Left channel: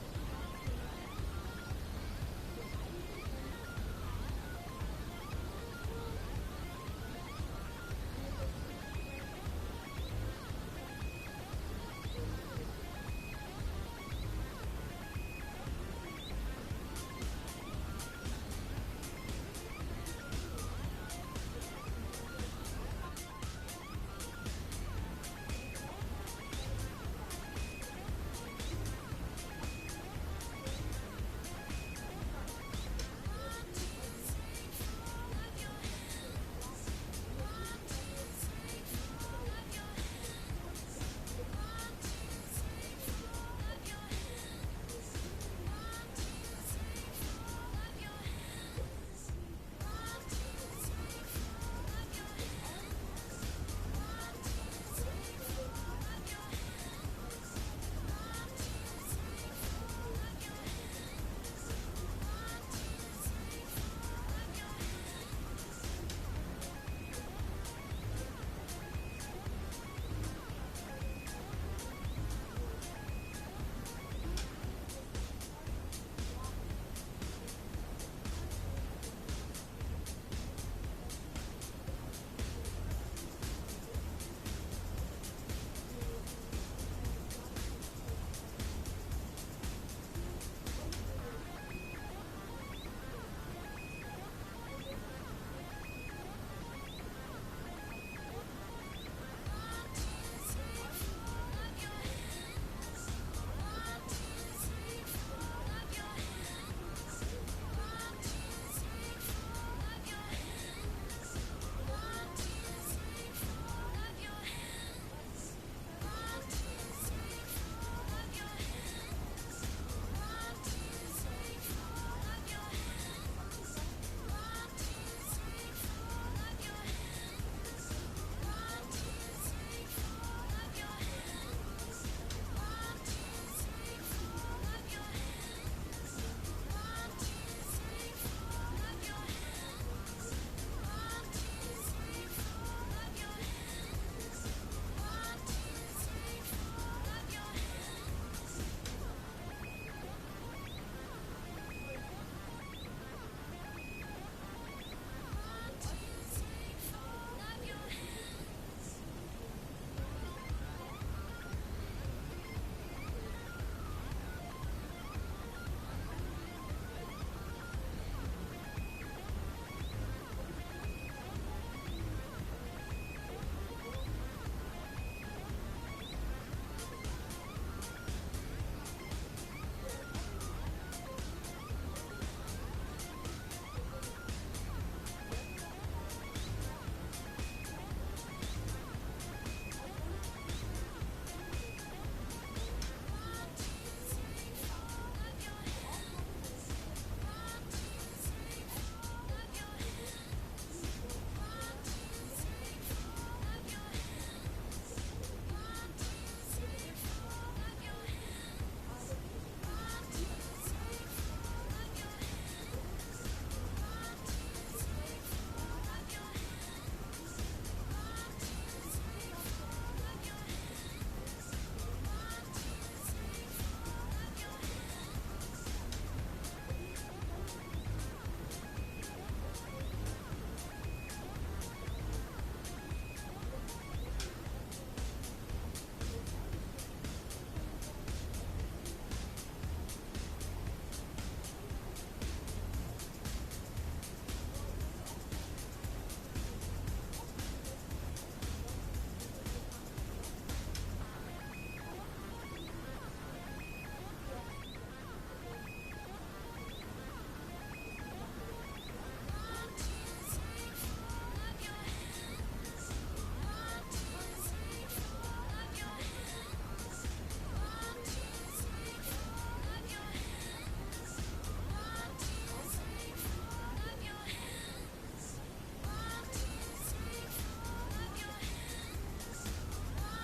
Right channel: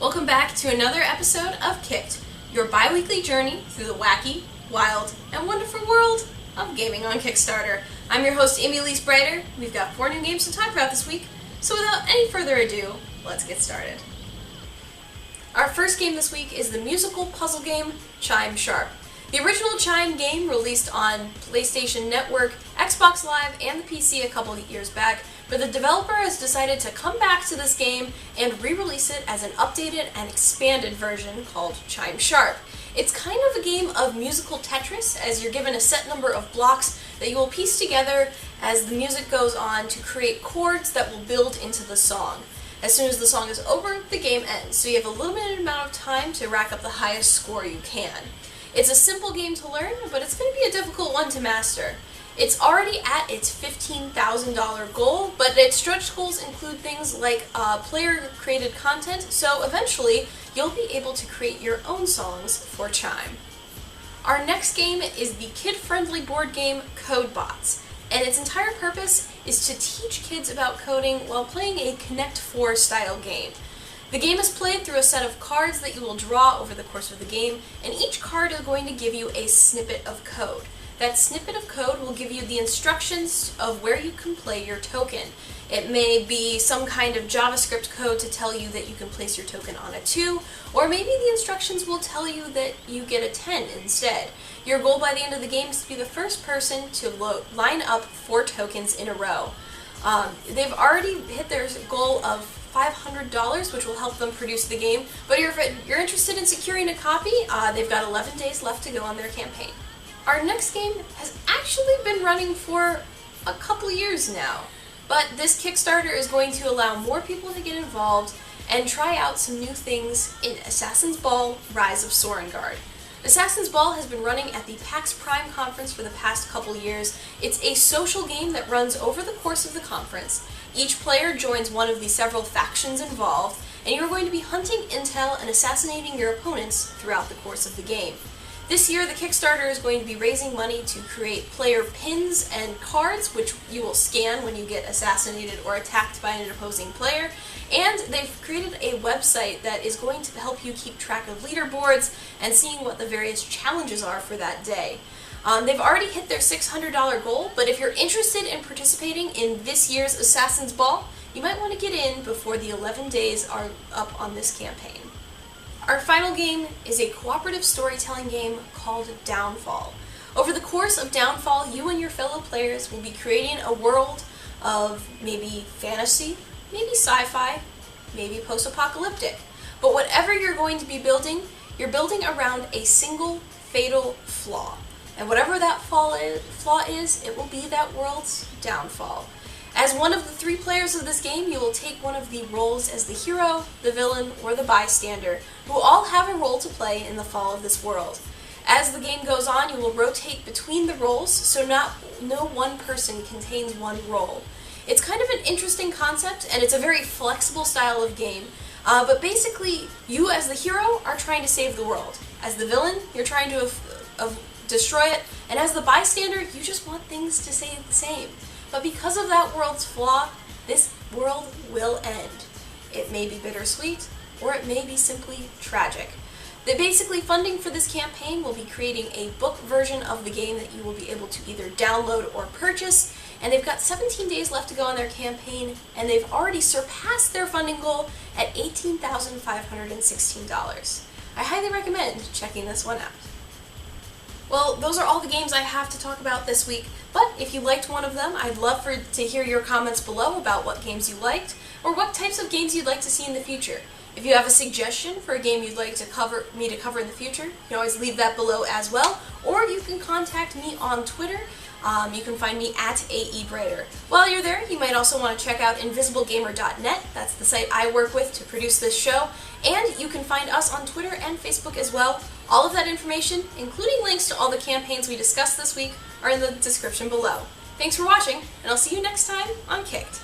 Welcome back to another episode of Kicked, your bi-weekly journey through the wacky, wild, and wonderful world of gaming on Kickstarter. I'm your host, Amy Elise Breiter. We've got 4 new games to talk about this week, so without any further ado, let's get started. Our first game this week is the musical puzzle game Chime Sharp. The original Chime game released on PlayStation Network, Xbox Live, and the PC a couple of years back, but the developer has decided to come back to this game and re-release it as an updated and expanded version called Chime Sharp. It's kind of a game of musical Tetris, as you're given a set number of blocks that you will piece together as the music goes on to create chords that will build into the song. As soon as the song is over, the game ends, so you have a limited amount of time to rack up the highest score you can. It's a simple game to learn, but it's going to be a difficult one to master. It's already at its $15,000 goal, but its stretch goals include things like player-created content, so eventually you'll be able to create your own songs for Chime. Our next game is the kid-friendly board game CodeBots, and its entire purpose is to teach kids about coding while playing a Connect 4 style game. The game is played through a set of cards that you will draw over the course of the game, and each card is going to give you a snippet of code. That snippet of code will give you the instructions of where you can play your token. It may be some kind of JavaScript code to tell you that you can place your token on a 2, or maybe the instructions will tell you that you get a 10 instead. Your goal by the end of the game is to be the first person to line up 4 tokens in a row. They've already hit their goal of $500, which will help them produce the game, but if you're interested in securing a copy, they've got 11 days left to go on their campaign. Our next game has actually been running for a couple years now, but this Kickstarter is going to allow more people to get involved and try out some new things in Assassin's Ball: Rise of Sorengard. Assassin's Ball has been running at the PAX Prime conference for the past couple years. It's a social game that runs over the course of the conference. Each player joins one of the several factions involved, and you're going to be hunting intel and assassinating your opponents throughout the course of the game. This year, the Kickstarter is going to be raising money to create player pins and cards, which you will scan when you get assassinated or attacked by an opposing player, and they've created a website that is going to help you keep track of leaderboards and seeing what the various challenges are for that day. They've already hit their $600 goal, but if you're interested in participating in this year's Assassin's Ball, you might want to get in before the 11 days are up on this campaign. Our final game is a cooperative storytelling game called Downfall. Over the course of Downfall, you and your fellow players will be creating a world of maybe fantasy, maybe sci-fi, maybe post-apocalyptic. But whatever you're going to be building, you're building around a single fatal flaw. And whatever that flaw is, it will be that world's downfall. As one of the 3 players of this game, you will take one of the roles as the hero, the villain, or the bystander, who all have a role to play in the fall of this world. As the game goes on, you will rotate between the roles, so no one person contains one role. It's kind of an interesting concept, and it's a very flexible style of game. But basically, you as the hero are trying to save the world. As the villain, you're trying to destroy it, and as the bystander, you just want things to stay the same. But because of that world's flaw, this world will end. It may be bittersweet, or it may be simply tragic. Basically, funding for this campaign will be creating a book version of the game that you will be able to either download or purchase, and they've got 17 days left to go on their campaign, and they've already surpassed their funding goal at $18,516. I highly recommend checking this one out. Well, those are all the games I have to talk about this week, but if you liked one of them, I'd love to hear your comments below about what games you liked, or what types of games you'd like to see in the future. If you have a suggestion for a game you'd like me to cover in the future, you can always leave that below as well, or you can contact me on Twitter. You can find me at AEBreiter. While you're there, you might also want to check out invisiblegamer.net. That's the site I work with to produce this show, and you can find us on Twitter and Facebook as well. All of that information, including links to all the campaigns we discussed this week, are in the description below. Thanks for watching, and I'll see you next time on Kicked.